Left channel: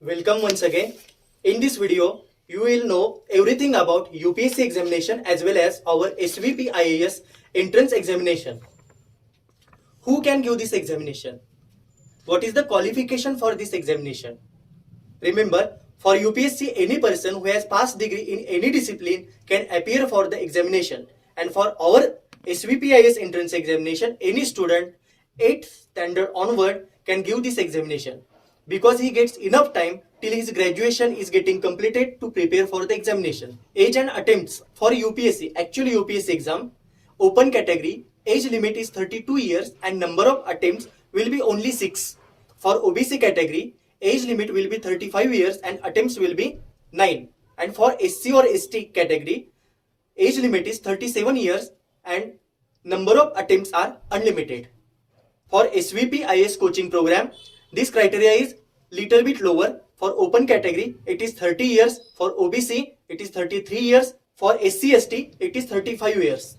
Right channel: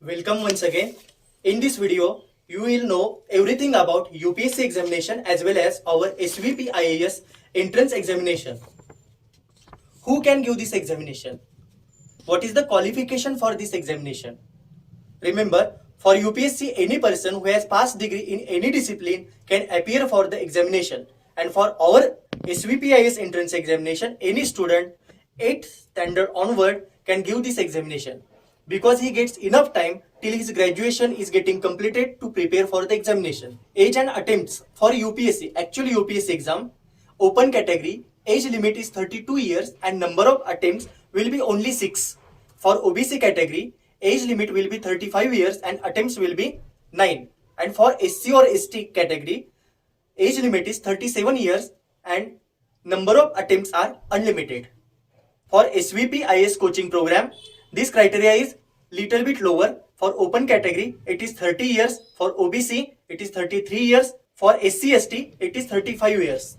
Welcome once again. In this video, you will know everything about UPSC examination as well as our SVP IAS entrance examination. Who can give this examination? What is the qualification for this examination? Remember, for UPSC, any person who has passed degree in any discipline can appear for the examination. And for our SVP IAS entrance examination, any student 8th standard onward can give this examination, because he gets enough time till his graduation is getting completed to prepare for the examination. Age and attempts for UPSC, actually UPSC exam, open category, age limit is 32 years and number of attempts will be only 6. For OBC category, age limit will be 35 years and attempts will be 9. And for SC or ST category, age limit is 37 years and number of attempts are unlimited. For SVP IAS coaching program, this criteria is little bit lower. For open category, it is 30 years. For OBC, it is 33 years. For SC ST, it is 35 years.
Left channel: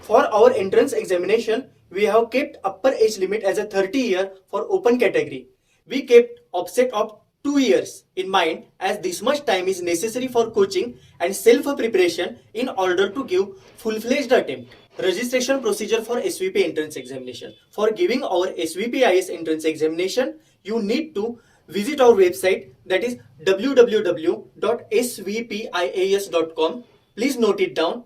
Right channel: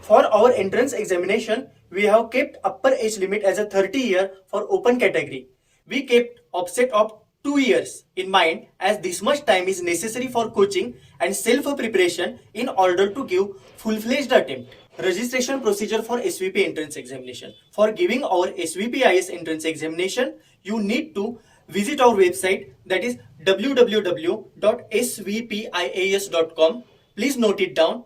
For our entrance examination, we have kept upper age limit as a 30 year for open category. We kept offset of 2 years in mind, as this much time is necessary for coaching and self-preparation in order to give full-fledged attempt. Registration procedure for SVP entrance examination. For giving our SVP IAS entrance examination, you need to visit our website, that is www.svpias.com. Please note it down.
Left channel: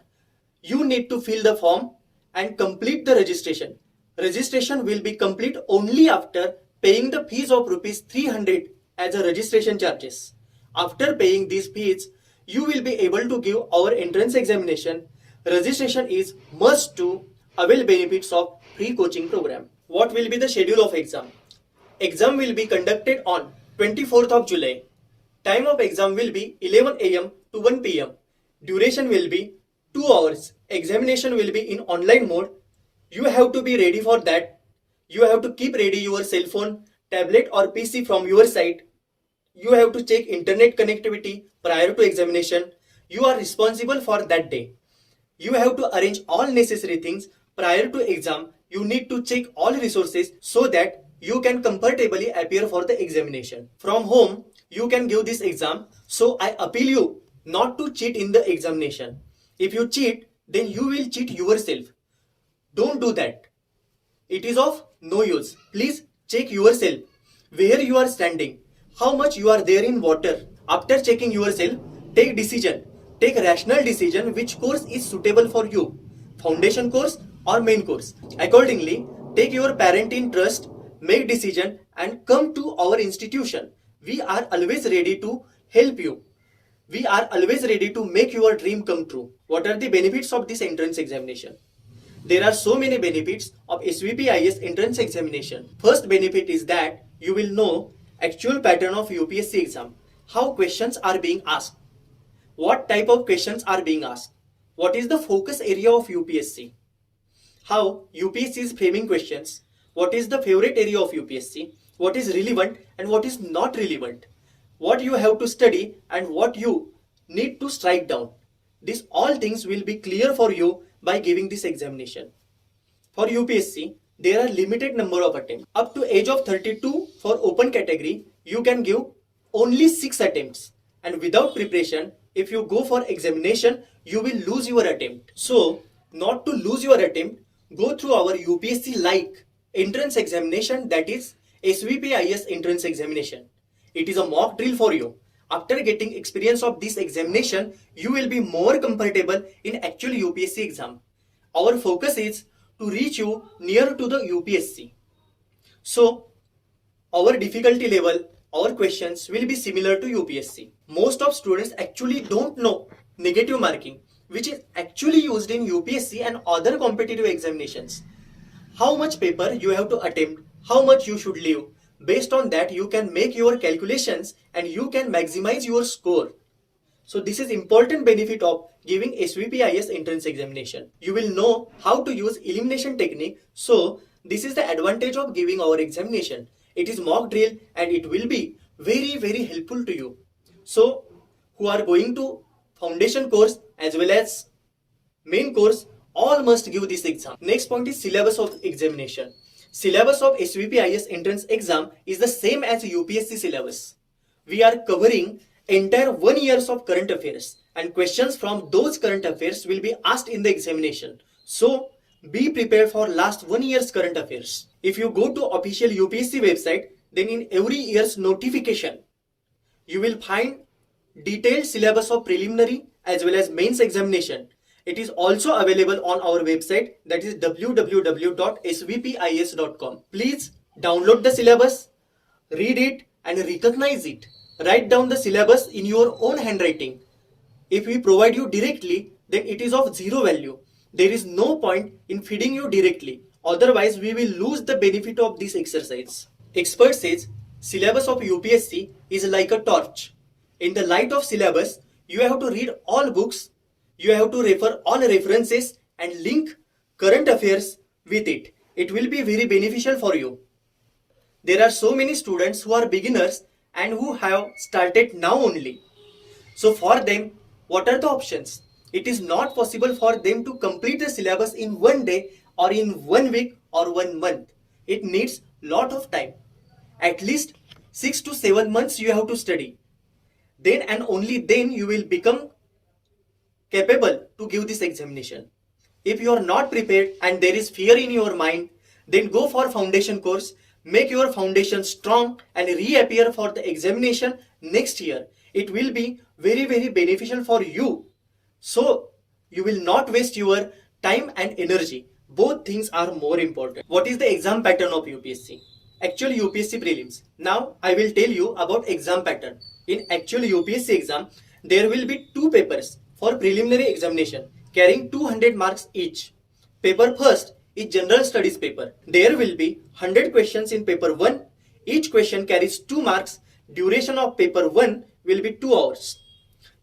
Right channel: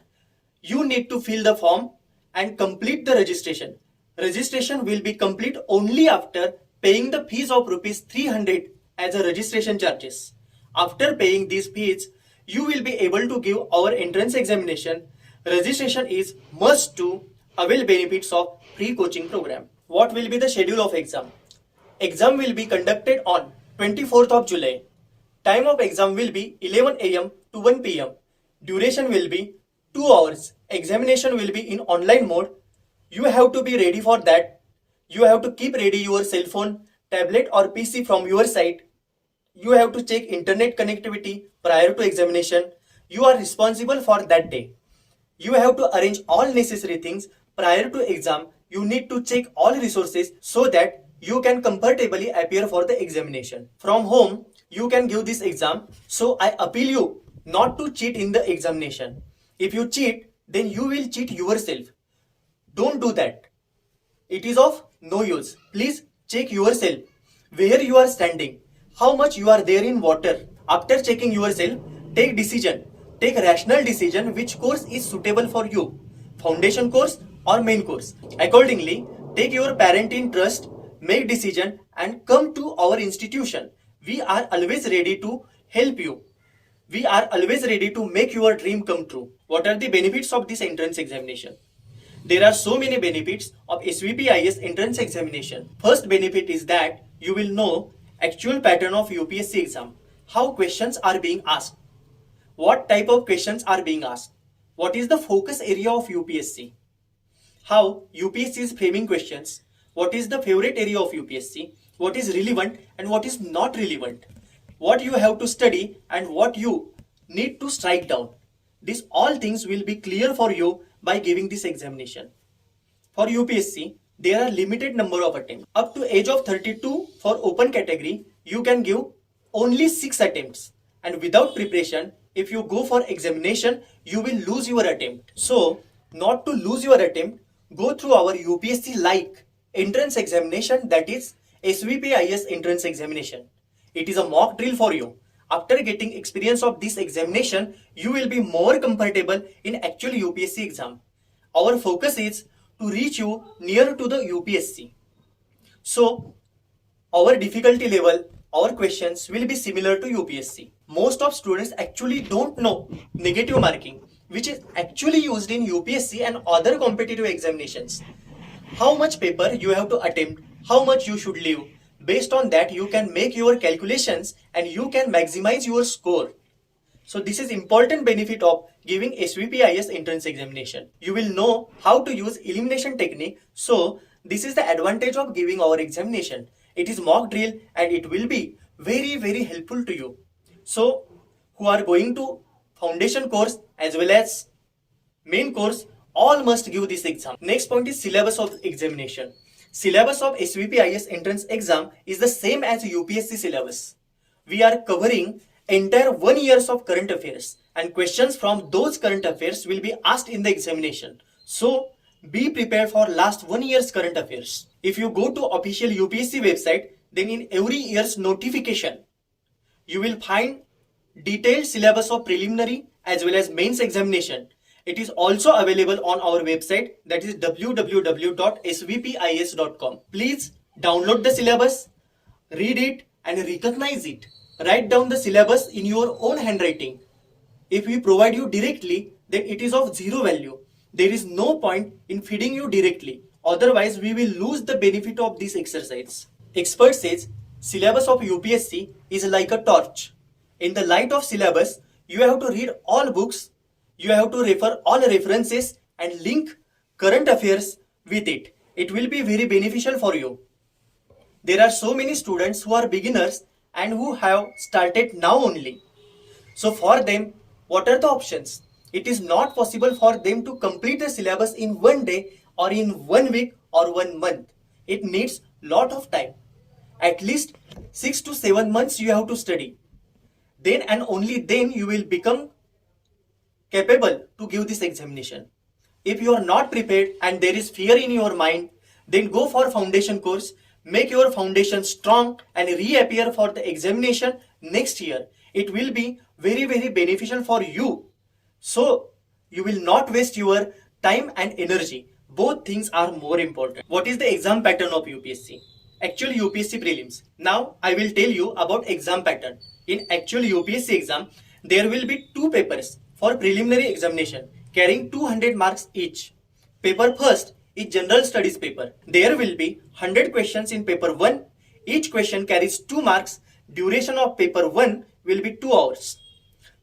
You need to fill the form and complete the registration. Registration will be complete only after paying the fees of rupees 300 as a registration charges. After paying these fees, you will be able to give our entrance examination. Registration is must to avail benefits of free coaching program. What will be the schedule of exam? Exam will be conducted on 24th of July. Time of exam will be 11 am to 1 pm. Duration will be 2 hours. Examination will be in online mode. You have to be ready for that. You have to keep ready your cell phone, tablet or PC from your side. You have to check internet connectivity prior to examination. You are responsible for that day. You have to arrange all necessary things prior to exam. You need to check all resources so that you can comfortably appear for the examination. From home, you can give this exam. So I appeal you not to cheat in the examination. If you cheat, then you will cheat yourself. Don't do that. It is of no use. Please check yourself, where you are standing, how much you are there in water. After checking yourself, take decision. Take rational decision which course is suitable for you, foundation course or main course. Accordingly, take your parent in trust, make decision and come to our institution. We are always ready to help you. We are always ready to make your dream come true. What are the benefits of this entrance examination? There are so many benefits of SVP IAS entrance examination. First benefit is that you will know actual pattern of UPSC exam, how questions are being asked, what type of questions are being asked, what is the focus area of UPSC, how UPSC is framing questions, what is the favorite area of UPSC, what is relevant and what is not relevant, what you have to study and what you need to strike down. These all things will be clear for you by giving this examination. For UPSC, there are limited number of attempts. Up to age of 32 for open category, you can give only 6 attempts. And without preparation, if you go for examination, you will lose your attempt. So, not to lose your attempt, go through our UPSC-like entrance examination, that is SVP IAS entrance examination. It is a mock drill for you. After getting experience of this examination, you will be more comfortable in actual UPSC exam. Our focus is to reach you near to the UPSC. So, our difficulty level, our questions will be similar to UPSC. Most of students actually don't know negative marking, which is actually used in UPSC and other competitive examinations. How much paper you have to attempt, how much you should leave. Based on that, you can make your calculations and you can maximize your score. So this is important benefit of giving SVP IAS entrance examination. You will know how to use elimination technique. So this is the advantage of giving our examination. It is mock drill and it will be very helpful to you. So who are going to foundation course as well as main course, all must give this exam. Next point is syllabus of examination. Syllabus of SVP IAS entrance exam is the same as UPSC syllabus. we are covering entire 1 years of current affairs, and questions from those current affairs will be asked in the examination. So be prepared for last 1 year's current affairs. If you go to official UPSC website, then in every year's notification, you will find detailed syllabus of preliminary as well as mains examination. It is also available on our website, that is www.svpis.com. Please download the syllabus, read it and recognize it. Write down the syllabus in your own handwriting. If we provide you directly, then it is of zero value. There is no point in feeding you directly. Otherwise, we will lose the benefit of this exercise. Expert says, syllabus of UPSC is like a torch. In the light of syllabus, you have to read all books, you have to refer all references and link current affairs with it. It will be very beneficial for you. There are so many students who are beginners and who have started now only. So for them, what are the options? It is not possible for them to complete the syllabus in 1 day or in 1 week or 1 month. It needs lot of time. At least 6 to 7 months you have to study. Then and only then you will become capable to give this examination. If you are not prepared and there is fear in your mind, then go for foundation course, make your foundation strong and reappear for the examination next year. It will be very beneficial for you. So you will not waste your time and energy. Both things are more important. What is the exam pattern of UPSC? Actual UPSC prelims. Now I will tell you about exam pattern. In actual UPSC exam, there will be 2 papers for preliminary examination carrying 200 marks each. Paper first is general studies paper. There will be 100 questions in paper 1. Each question carries 2 marks. Duration of paper 1 will be 2 hours.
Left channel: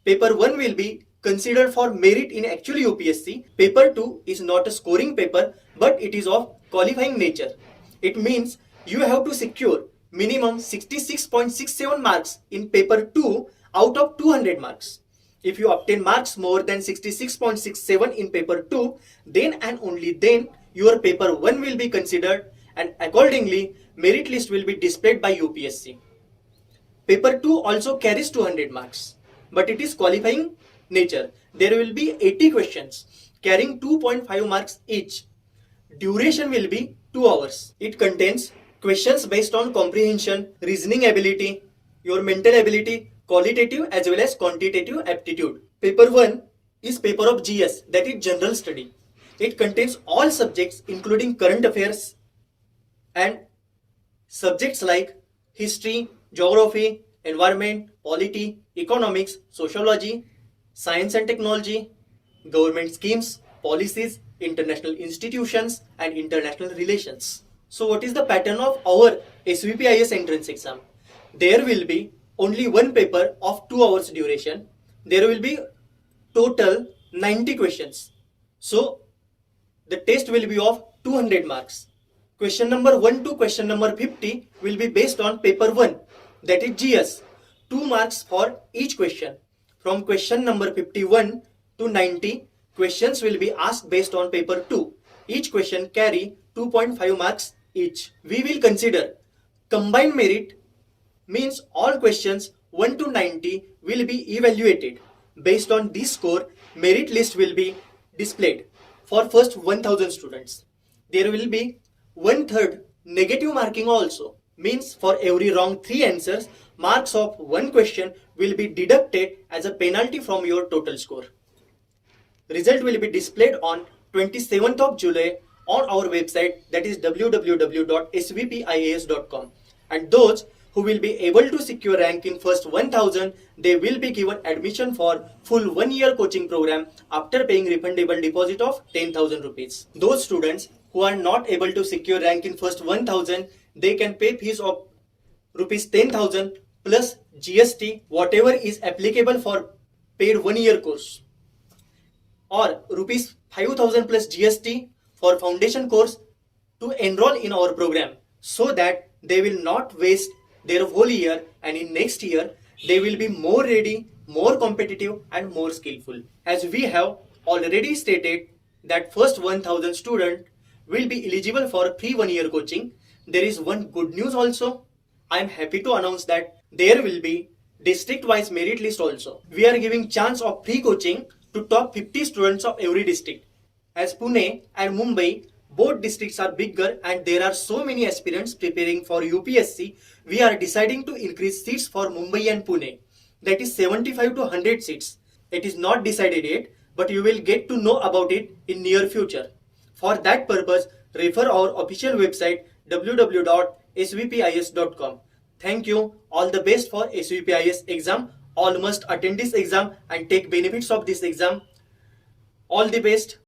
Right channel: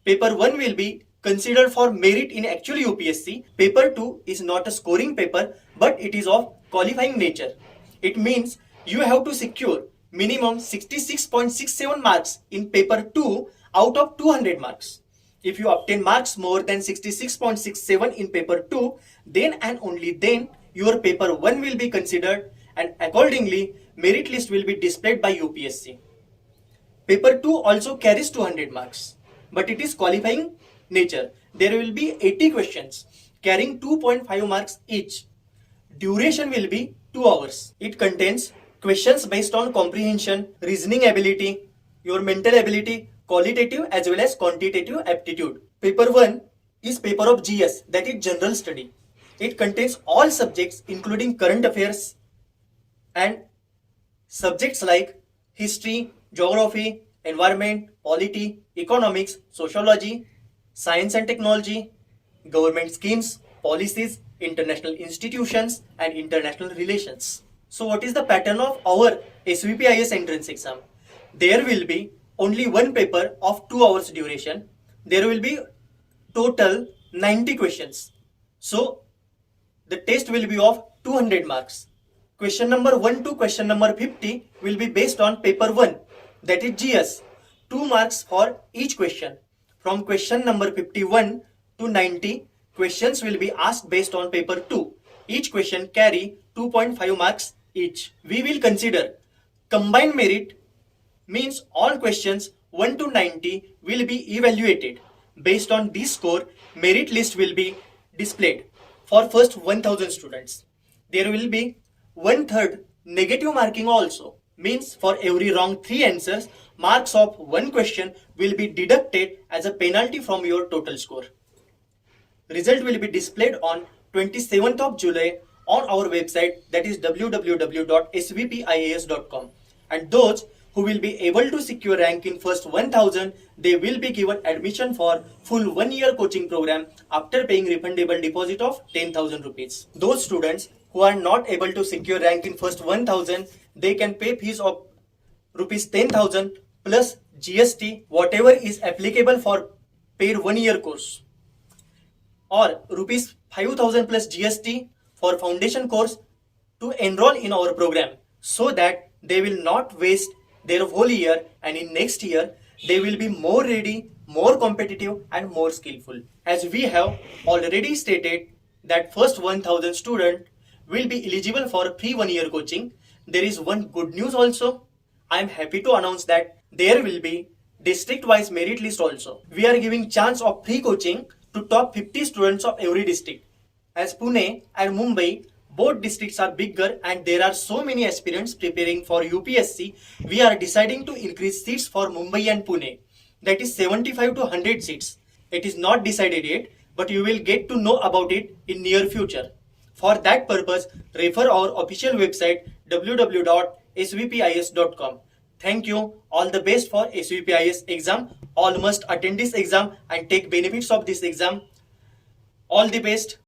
Paper 1 will be considered for merit in actual UPSC. Paper 2 is not a scoring paper, but it is of qualifying nature. It means you have to secure minimum 66.67 marks in paper 2 out of 200 marks. If you obtain marks more than 66.67 in paper 2, then and only then your paper 1 will be considered, and accordingly merit list will be displayed by UPSC. Paper 2 also carries 200 marks, but it is qualifying nature. There will be 80 questions carrying 2.5 marks each. Duration will be 2 hours. It contains questions based on comprehension, reasoning ability, your mental ability, qualitative as well as quantitative aptitude. Paper 1 is paper of GS, that is general study. It contains all subjects including current affairs and subjects like history, geography, environment, polity, economics, sociology, science and technology, government schemes, policies, international institutions and international relations. So what is the pattern of our SVPIS entrance exam? There will be only 1 paper of 2 hours duration. There will be total 90 questions. So the test will be of 200 marks. Question number 1 to question number 50 will be based on paper 1, that is GS. 2 marks for each question. From question number 51 to 90, questions will be asked based on paper 2. Each question carry 2.5 marks each. We will consider combined merit, means all questions 1 to 90 will be evaluated. Based on this score, merit list will be displayed for first 1000 students. There will be 1/3 negative marking also, means for every wrong 3 answers, marks of 1 question will be deducted as a penalty from your total score. Result will be displayed on 27th of July on our website, that is www.svpias.com. And those who will be able to secure rank in first 1000, they will be given admission for full 1 year coaching program after paying refundable deposit of 10,000 rupees. Those students who are not able to secure rank in first 1000, they can pay fees of rupees 10,000 plus GST, whatever is applicable for paid 1 year course, or rupees 5,000 plus GST for foundation course to enroll in our program, so that they will not waste their whole year, and in next year they will be more ready, more competitive and more skillful. As we have already stated that first 1000 student will be eligible for free 1 year coaching. There is one good news also. I am happy to announce that there will be district-wise merit list also. We are giving chance of free coaching to top 50 students of every district. As Pune and Mumbai, both districts are bigger and there are so many aspirants preparing for UPSC, we are deciding to increase seats for Mumbai and Pune. That is 75 to 100 seats. It is not decided yet, but you will get to know about it in near future. For that purpose, refer our official website www.svpis.com. Thank you. All the best for SVPIS exam. All must attend this exam and take benefits of this exam. All the best.